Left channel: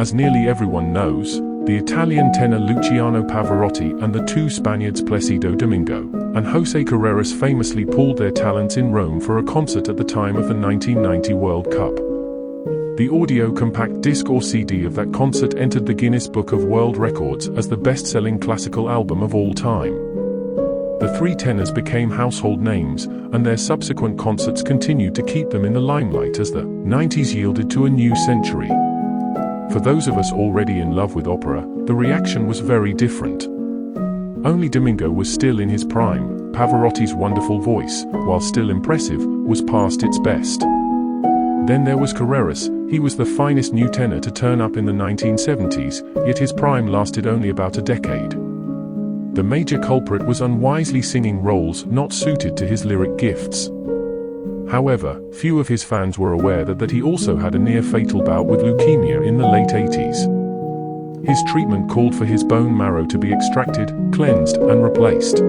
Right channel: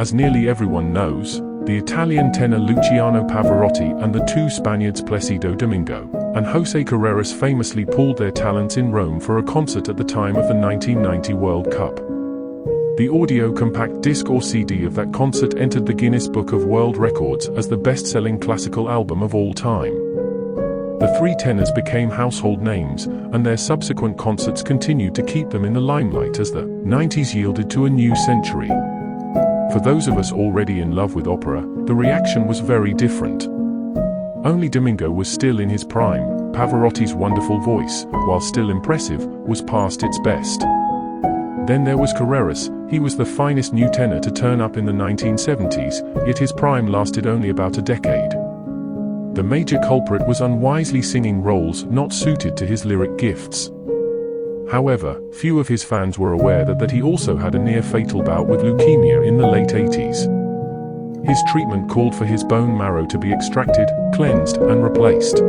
As nearly everyone knows, the Italian tenor Luciano Pavarotti and the two Spaniards Placido Domingo and José Carreras famously pooled their talents in Rome for a concert at the time of the 1990 World Cup. The audio compact disc or CD of that concert entered the Guinness Book of World Records as the best-selling classical album of all time. The three tenors became household names, and their subsequent concerts continued to keep them in the limelight as the 90s yielded to a new century. For those of us already in love with opera, the reaction was very different. Only Domingo was still in his prime. Pavarotti's wonderful voice, while still impressive, was past its best. Then there was Carreras. He was the finest new tenor to turn up in the 1970s, yet his prime lasted only about a decade. The major culprit was unwisely singing roles not suited to his lyric gifts. However, few of his fans were aware that he also had a near-fatal bout with leukemia in the late 80s. His treatment called for his bone marrow to be extracted, cleansed, and replaced.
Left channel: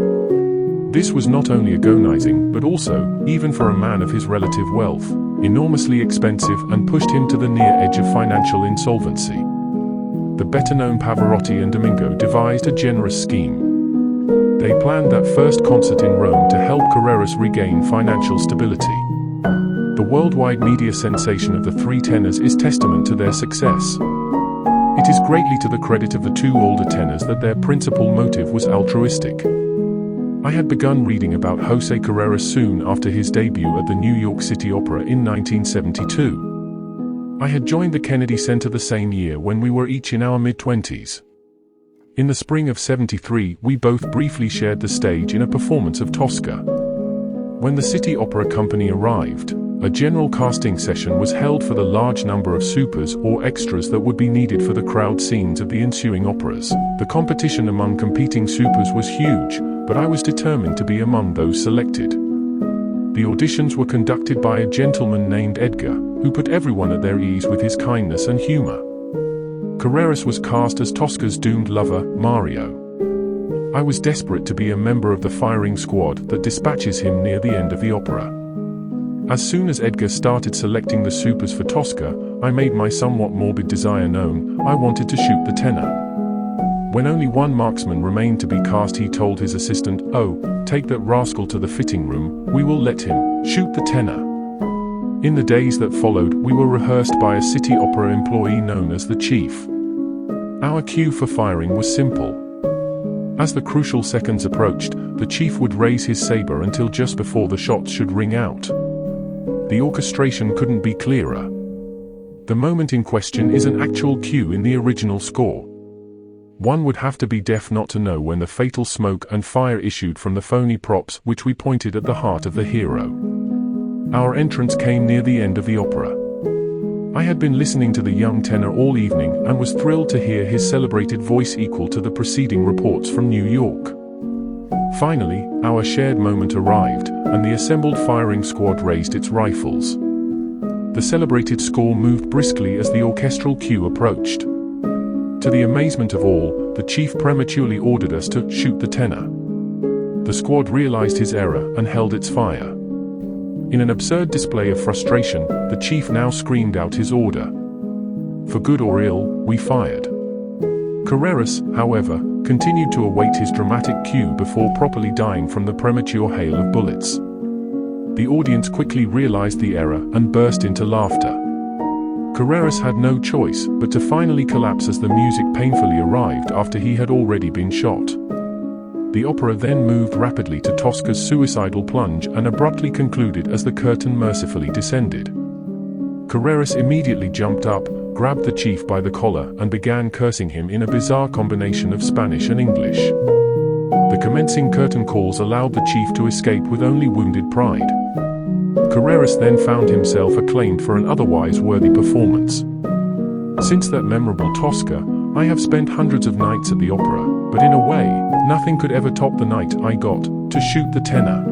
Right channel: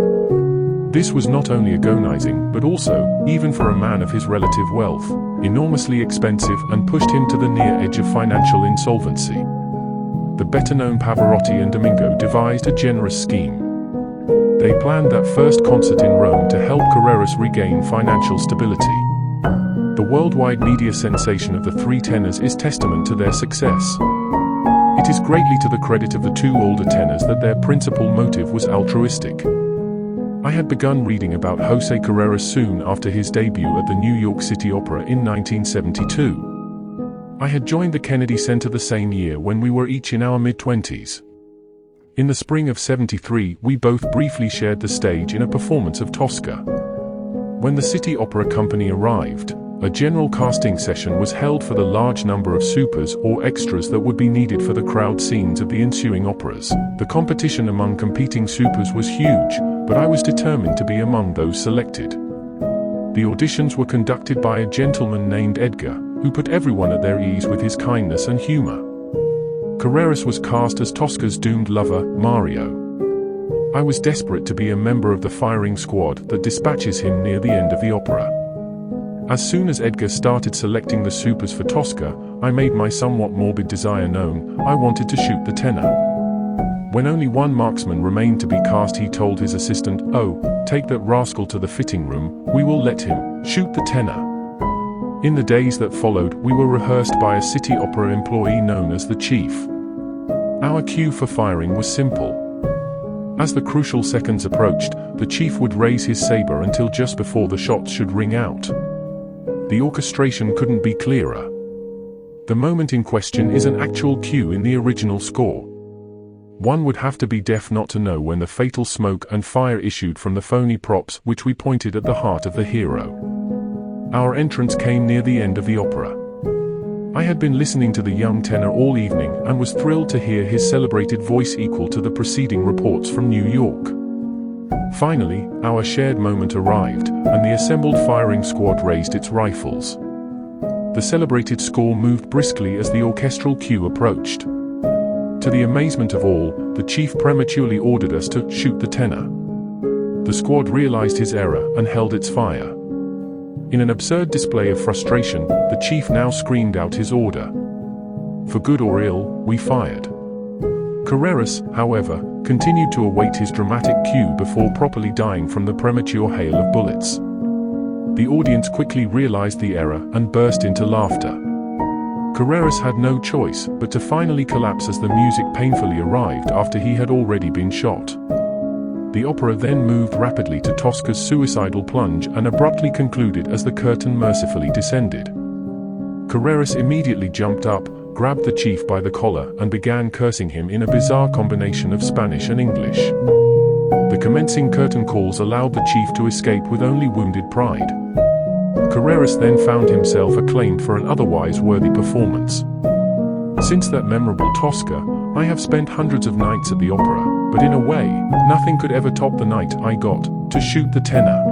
This was not only agonizing, but also, even for a man of his relative wealth, enormously expensive and pushed him to the near edge of financial insolvency. The better-known Pavarotti and Domingo devised a generous scheme. They planned that first concert in Rome to help Carreras regain financial stability. The worldwide media sensation of the three tenors is testament to their success. It is greatly to the credit of the two older tenors that their principal motive was altruistic. I had begun reading about José Carreras soon after his debut at the New York City Opera in 1972. I had joined the Kennedy Center the same year when we were each in our mid-20s. In the spring of '73, we both briefly shared the stage in a performance of Tosca. When the City Opera Company arrived, a general casting session was held for the large number of supers or extras that would be needed for the crowd scenes of the ensuing operas. The competition among competing supers was huge, but I was determined to be among those selected. The auditions were conducted by a gentleman named Edgar, who put everyone at their ease with his kindness and humor. Carreras was cast as Tosca's doomed lover, Mario. I was desperate to be a member of the firing squad that dispatches him near the end of the opera. As soon as Edgar started selecting the supers for Tosca, I made my somewhat morbid desire known. I wanted to shoot the tenor. When only one marksman remained to be cast, he told his assistant, "Oh, take that rascal to the fitting room, we will let him shoot the tenor." In the days that followed, we were rehearsed by a City Opera employee known as the Chief. Our cue for firing was simple. As the crucial seconds approached, the Chief would raise his saber until just before the shots should ring out. The orchestration couldn't be clearer. The moment in question is an actual cue in the original score. One would have to be deaf not to know when the fatal smoke and fire issued from the phony props which we pointed at the heart of the hero. Our entrance came near the end of the opera. I had been listening to the young tenor all evening and was thrilled to hear his celebrated voice equal to the preceding reports from New York. Finally, our shared moment arrived, and the assembled firing squad raised its rifles. The celebrated score moved briskly as the orchestral cue approached. To the amazement of all, the Chief prematurely ordered us to shoot the tenor. The squad realized his error and held its fire. In an absurd display of frustration, the Chief now screamed out his order. For good or ill, we fired. Carreras, however, continued to await his dramatic cue before properly dying from the premature hail of bullets. The audience quickly realized the error and burst into laughter. Carreras had no choice but to finally collapse as the music painfully arrived after he had already been shot. The opera then moved rapidly to Tosca's suicidal plunge and abruptly concluded as the curtain mercifully descended. Carreras immediately jumped up, grabbed the Chief by the collar and began cursing him in a bizarre combination of Spanish and English. The commencing curtain calls allowed the Chief to escape with only wounded pride. Carreras then found himself acclaimed for an otherwise worthy performance. Since that memorable Tosca, I have spent hundreds of nights at the opera, but in a way, nothing could ever top the night I got to shoot the tenor.